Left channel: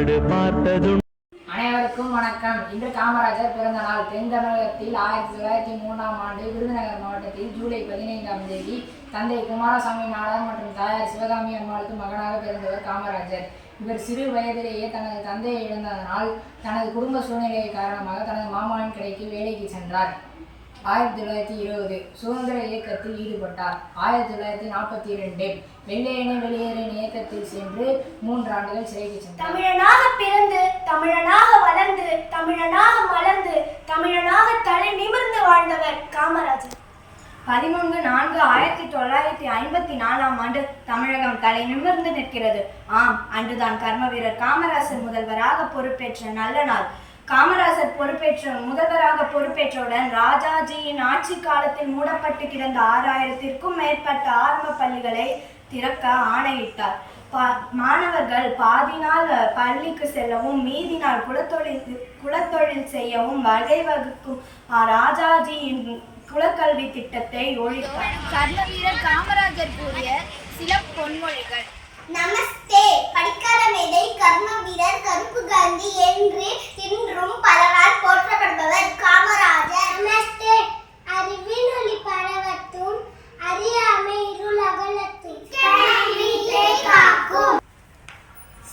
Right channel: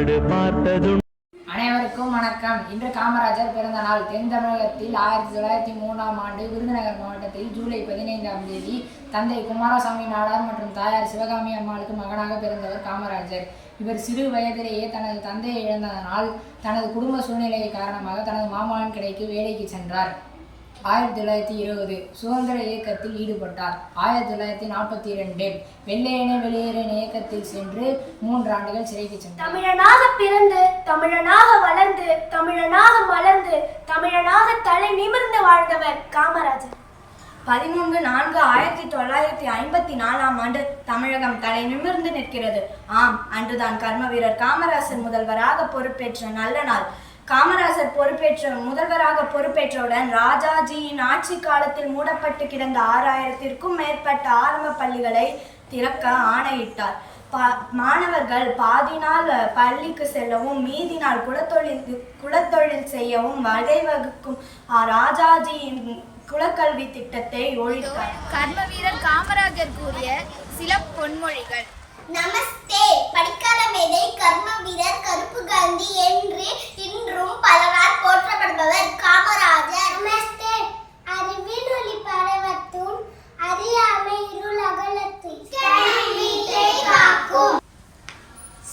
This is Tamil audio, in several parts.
நாடு பார்த்ததும். அனைவருக்கும் வணக்கம். இன்று காமராஜர் பிறந்த நாள். தென் தமிழகத்தில் 1903ஆம் ஆண்டு விருதுநகர் மாவட்டத்தில் ஜூலை 15ஆம் தேதி தந்தை குமாரசாமி நாடார் மற்றும் தாயார் சிவகாமி அம்மாளுக்கு மகனாக பிறந்தவர் காமராஜர். இவர் சிறு வயதிலேயே தனது தந்தையை இழந்ததனால் தனது குடும்ப சூழ்நிலை காரணமாக தனது மாமனாரின் கடைக்கு வேலைக்கு சென்றார். 1920 சுதந்திர இயக்கத்தில் ஈடுபட்டார். 1942 வெள்ளையனே வெளியேறின இயக்கத்தில் சென்று 3 ஆண்டுகள் சிறைக்கு சென்றார். தமிழனாக பிறந்து, தமிழனாக வளர்ந்து, தமிழனாக மலர்ந்து, தமிழனாக தலை நிமிர்ந்து வாழ்ந்தவர் காமராஜர். 13/4/1954ஆம் ஆண்டு தமிழகம் தலை நிமிர்ந்து நிற்கிறது. ஆம், அன்றுதான் கர்ம வீரர் காமராஜர் முதல்வராக பொறுப்பேற்ற நல்ல நாள். காமராஜர் முதல்வராக பொறுப்பேற்றவுடன் ராஜாஜியின் ஆட்சி காலத்தில் மூடப்பட்டு கிடந்த 6000த்திற்கும் மேற்பட்ட ஆரம்ப பள்ளிகளை திறக்க ஆணையிட்டார். மாணவர்கள் பாதி நாள் பள்ளிக்கு செல்லவும் மீதி நாள் குலத்தொழில் செய்யவும் வகை வகுக்கும் ராஜாஜியின் குலக்கல்வி திட்டத்தை ஒழித்தார். கர்ம வீரர் காமராஜர் கூறிய சில பொன்மொழிகள். நமஸ்தே. படிக்காத மேதை கர்ம வீரர் கருப்பு காந்தி என்று இன்றும் பலரால் போற்றப்படுபவர் காமராஜர். நமஸ்தே. அறிவின் ஒளி பரவத்தும் அறியாமை இருள் அகலத்தும் காக்கும்.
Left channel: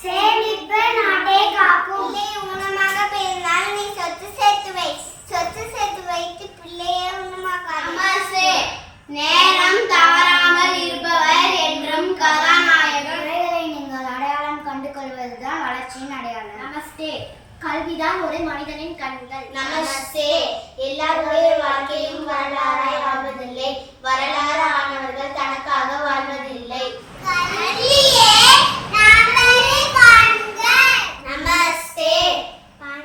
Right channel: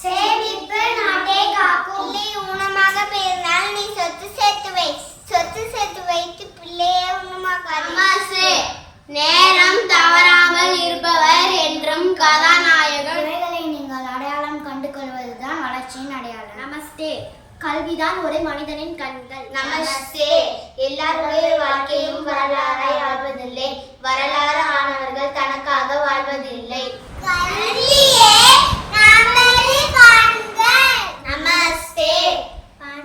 சேமிப்பு நாட்டை காக்கும். ஊனமாக பிறந்தால் நீ சொத்து சேர்த்து வை. சொத்து சேர்த்து வைத்து பிள்ளையை ஊனமாக. நேரம் தவறாமல் இருப்பவர் என்றும் கதாநாயகர். நீங்கள் அடையாளம் கண்டு கொள்வதுதான் வளர்ச்சியின் அடையாளம். நமஸ்தே. கல்விதான் ஒரு மனிதனின் கண்கள். நமஸ்தே. எல்லாருடைய வாழ்க்கையும் வரலாறாய் ஆழ்வதில்லை. வரலாறு ஆனவர்கள் தனக்காக வாழ்வதில்லை. நமஸ்தே.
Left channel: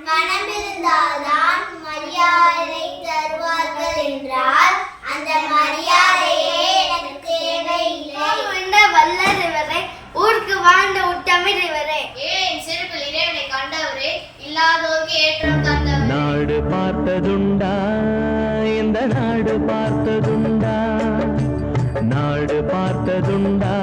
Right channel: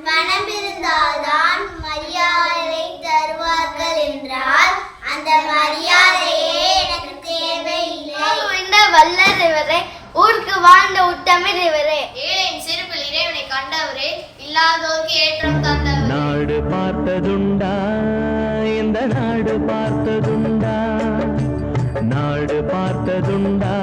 பணம் இருந்தால்தான் மரியாதை தருவார்கள் என்றால் அந்த மரியாதையே எனக்கு தேவையில்லை. வல்லறிவரே, ஊருக்கு வாழ்ந்த உத்தமிழவரே, ஏன் சிறுபில் இறைவனை கண்டவரே, இல்லாதோருக்கு ஏற்றம் தந்தவர். நாடு பார்த்ததுண்டா, இந்த நாடு பார்த்ததுண்டா, நாடு பார்த்ததுண்டா.